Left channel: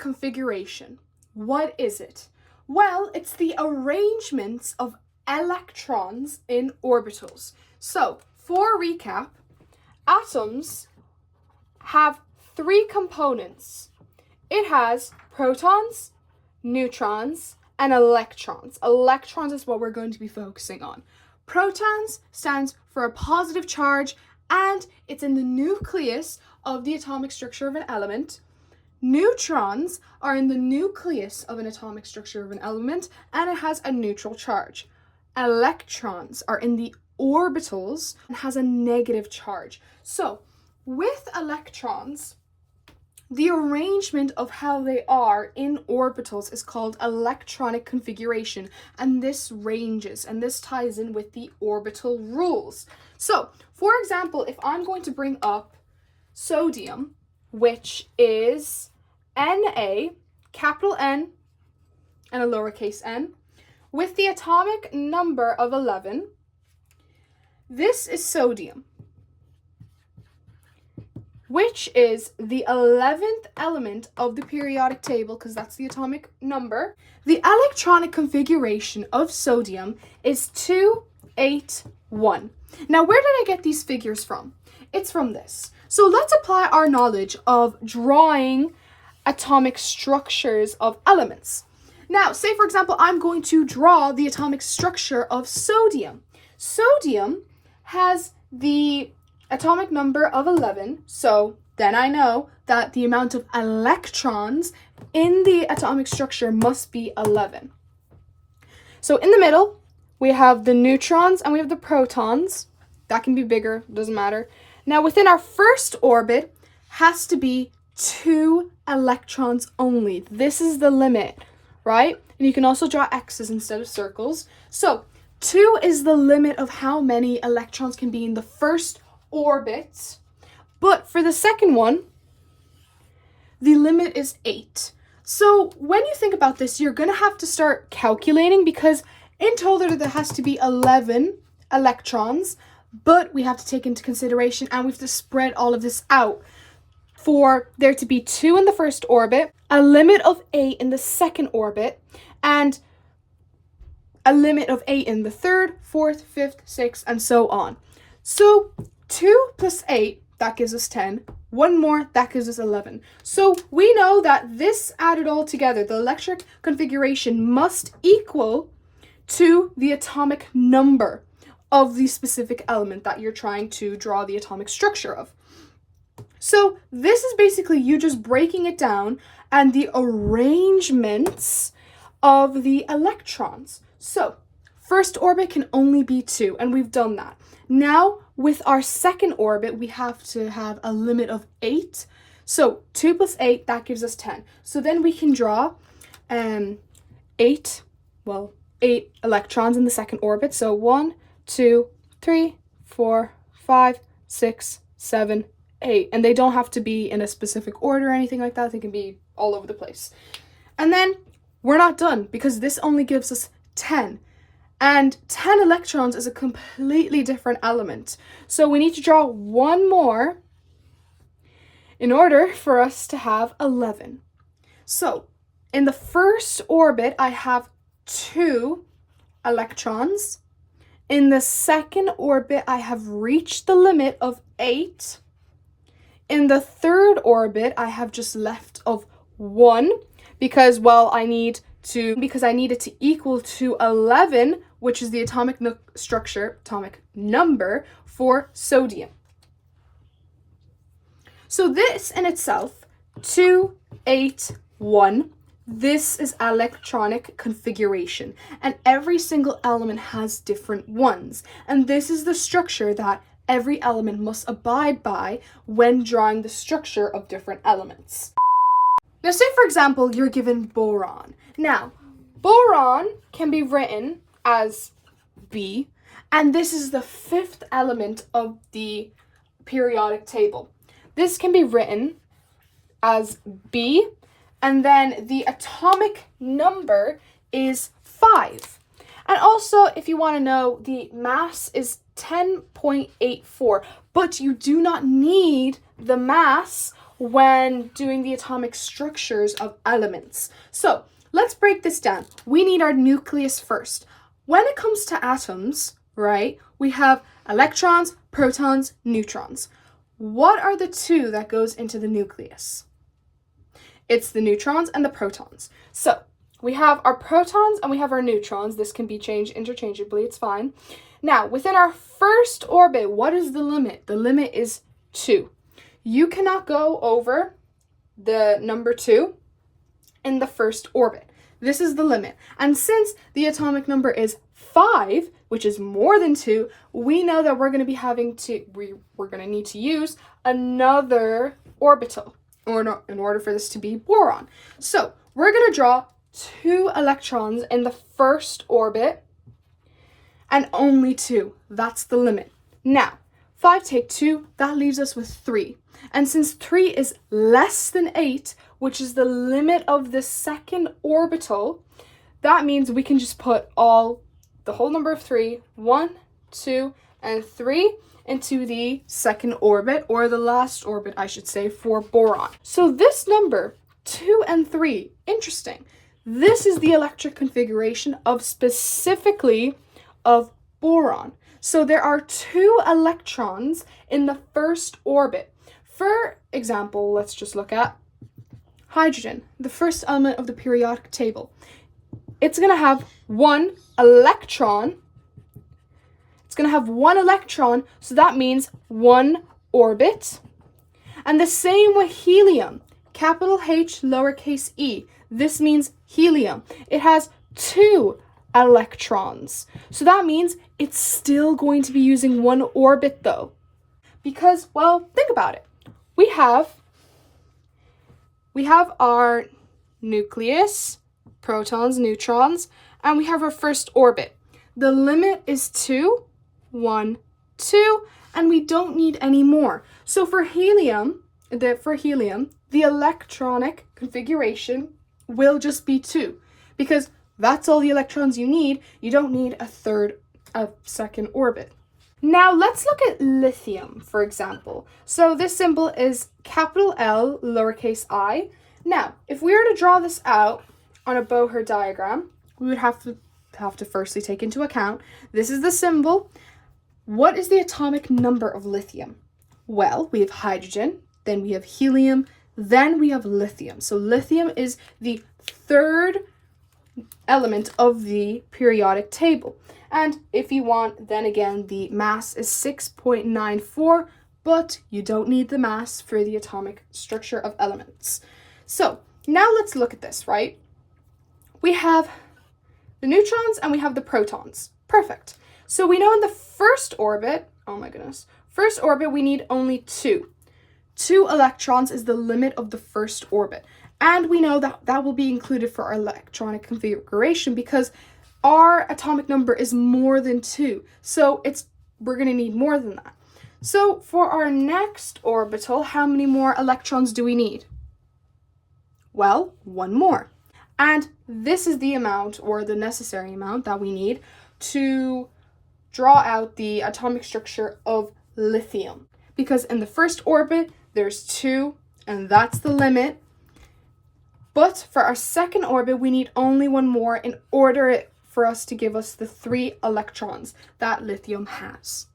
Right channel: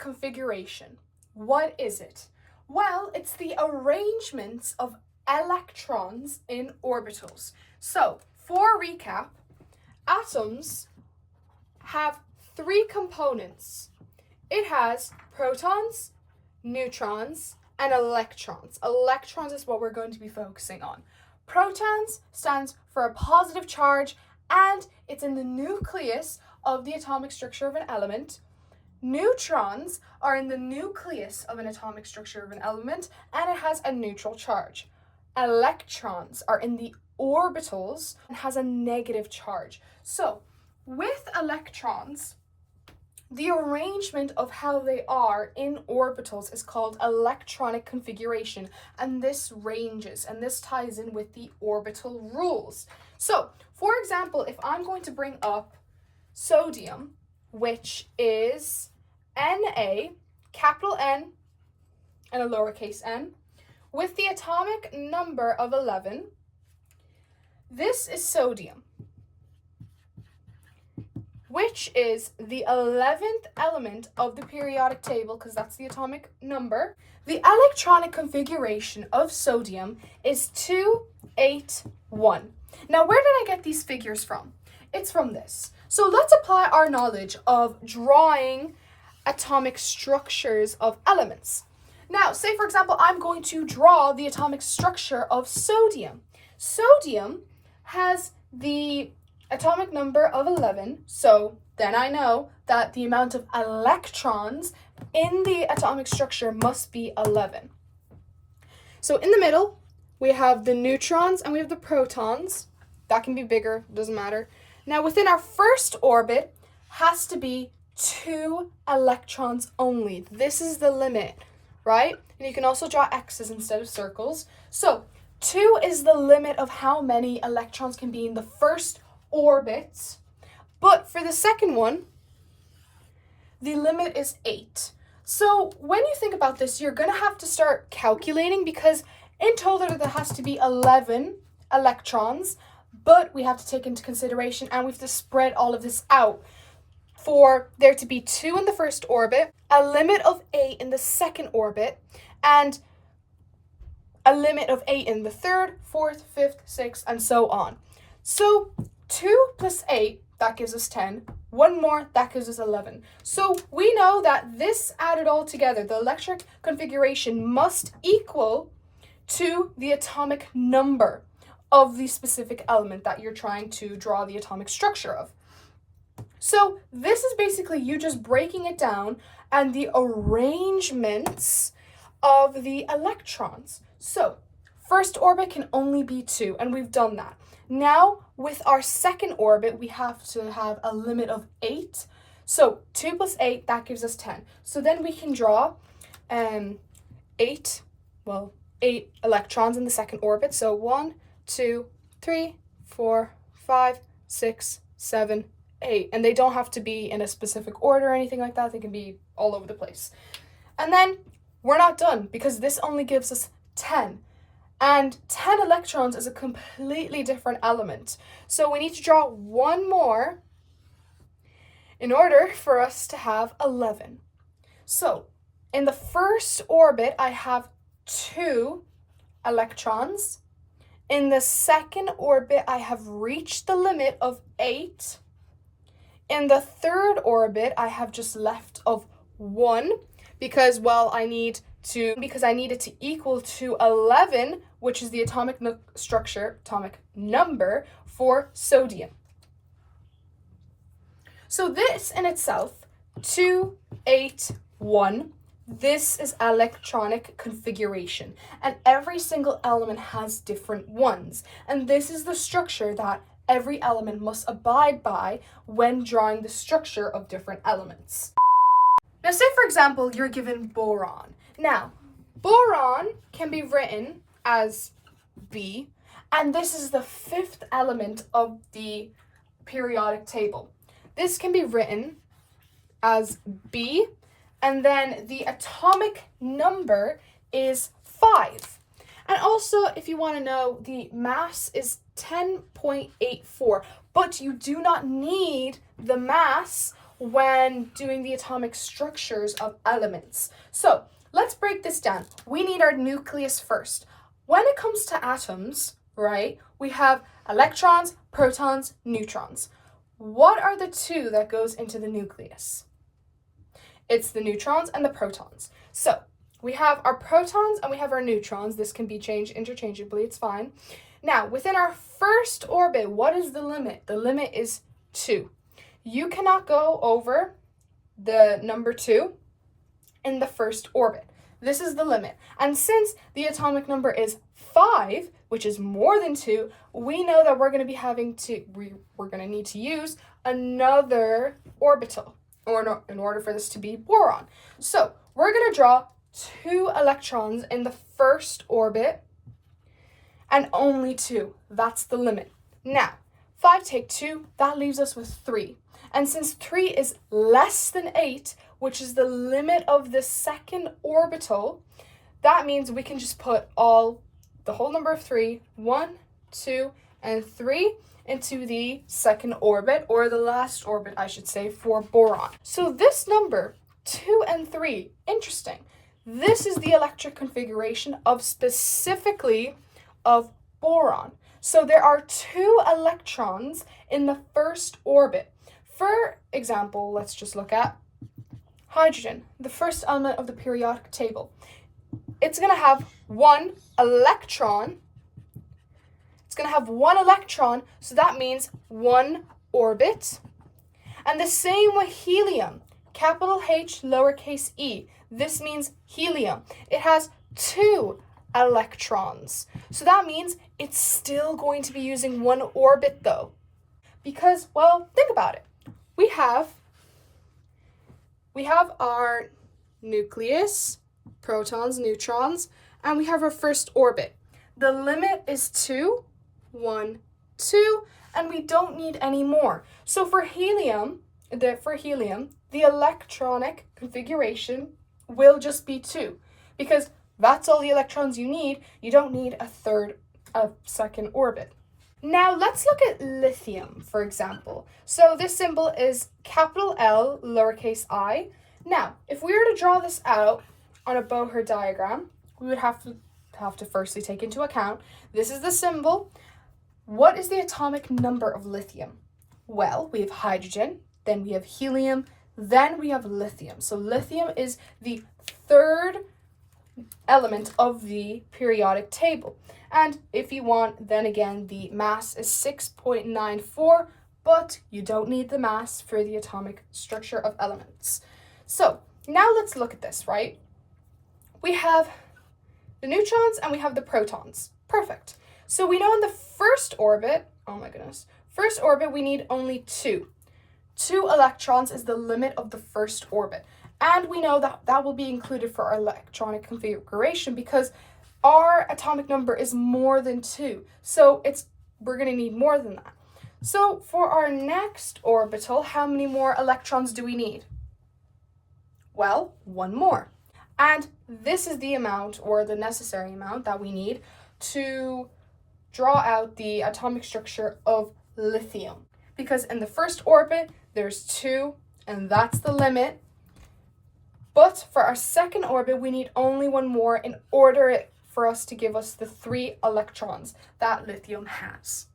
configuration. What is it? Well, it's the arrangements of electrons in orbitals. So, for recap, atoms have three components. It has protons, neutrons, and electrons. Electrons is what we're going to be focusing on. Protons stands for a positive charge, and it's in the nucleus of the atomic structure of an element. Neutrons are in the nucleus of an atomic structure of an element, and it has a neutral charge. Electrons are in the orbitals and has a negative charge. So, with electrons, the arrangement of how they are in orbitals is called electronic configuration, and this ranges, and this ties in with the orbital rules. So, for example, if I'm going to bring up sodium, which is Na, capital N, and a lowercase n, with the atomic number of 11, this is sodium, which is the 11th element of the periodic table, because that's the atomic number. The electronic configuration of sodium is 281. Now, where did I get these figures from? It's from this. So let's apply our knowledge of drawing atomic structures of elements. Now, say for example, I'm going to draw the atomic structure of sodium. Sodium has the atomic number of 11, so then I know that the amount of electrons in the atomic structure must be 11. So in the middle, we have the neutrons and we have the protons. That can be bigger, doesn't matter. Now within our first orbit has to be 2 electrons only. This is the limit, right? And you can also draw X's instead of circles. So 2 is the limit of how many electrons can be in the first orbit, but for the second one, the limit is 8. So when you think about this, you're going to have to start calculating, because in total there has to be 11 electrons, but we have to take into consideration and we have to spread all of this out for there to be 2 in the first orbit, a limit of 8 in the second orbit, and a limit of 8 in the third, fourth, fifth, sixth, and so on. So 2 plus 8, that gives us 10. 1 more, that gives us 11. So we know that this added all together, the electric configuration, must equal to the atomic number of the specific element that you're trying to draw the atomic structure of. So this is basically you just breaking it down and the arrangements of the electrons. So first orbit can only be 2, and we've done that. Now, with our second orbit, we have to have a limit of 8. So 2 plus 8, that gives us 10. So then we can draw 8 electrons in the second orbit. So 1, 2, 3, 4, 5, 6, 7, 8. And they don't have to be in a specific order or anything like that. They can be all over the place. And then we're not done, because this only gives us 10. And 10 electrons is a completely different element. So we need to draw 1 more in order for us to have 11. So in the first orbit, I have 2 electrons. In the second orbit, I have reached the limit of 8. In the third orbit, I have just left of 1, because, well, I need it to equal to 11, which is the atomic number for sodium. So this in itself, 281, this is electronic configuration, and every single element has different ones, and this is the structure that every element must abide by when drawing the structure of different elements. Now, say for example, you're given boron. Now, boron can be written as B, and this is the 5th element of the periodic table. This can be written as B, and then the atomic number is 5. And also, if you want to know, the mass is 10.84, but you do not need the mass when doing the atomic structures of elements. So let's break this down. We need our nucleus first. When it comes to atoms, right, we have electrons, protons, neutrons. What are the two that goes into the nucleus? It's the neutrons and the protons. So we have our protons and we have our neutrons. This can be changed interchangeably, it's fine. Now, within our first orbit, what is the limit? The limit is 2. You cannot go over the number 2 in the first orbit. This is the limit. And since the atomic number is 5, which is more than 2, we know that we're going to be having to, we're going to need to use another orbital in order for this to be boron. So we're going to draw 2 electrons in the first orbit, and only 2. That's the limit. Now, 5 take 2, that leaves us with 3. And since 3 is less than 8, which is the limit of the second orbital, that means we can just put the whole number of 3, 1, 2, and 3 into the second orbit, or the last orbit, I should say, for boron. So this number, 2 and 3, interesting. This is the electric configuration of specifically of boron. So there are 2 electrons in the first orbit. For example, let's just look at hydrogen, the first element of the periodic table. It's going to have 1 electron. It's going to have 1 electron, so that means 1 orbit. And the same with helium, capital H, lowercase e. This means helium. It has 2 electrons. So that means it's still going to be using 1 orbit though. Because, well, think about it. We have our nucleus, protons, neutrons, and we have our first orbit. The limit is 2, 1, 2, and we don't need any more. So for helium, the electronic configuration will just be 2, because that's all the electrons you need. You don't need a second orbit. Now let's look at lithium, for example. So this symbol is capital L, lowercase I. Now, if we were to draw this out on a Bohr diagram, we would have to firstly take into account, this is the symbol. What is the atomic number of lithium? Well, we have hydrogen, then we have helium, then we have lithium. So lithium is the 3rd element of the periodic table. And if you want, then again, the mass is 6.94, but you don't need the mass for the atomic structure of elements. So now let's look at this, right? We have the neutrons and we have the protons. Perfect. So we know in the first orbit, we need only 2. 2 electrons is the limit of the first orbit. And we know that that will be included for our electronic configuration because our atomic number is more than 2. So we're going to need more than that. So for our next orbital, how many more electrons do we need? Well, 1 more. And this is the amount, or the necessary amount, that we need to draw out the atomic structure of lithium. Because in the first orbit, there's 2, and that's the limit. But for our second orbit, we need only 1 more in order for us to give us the 3 electrons that lithium has.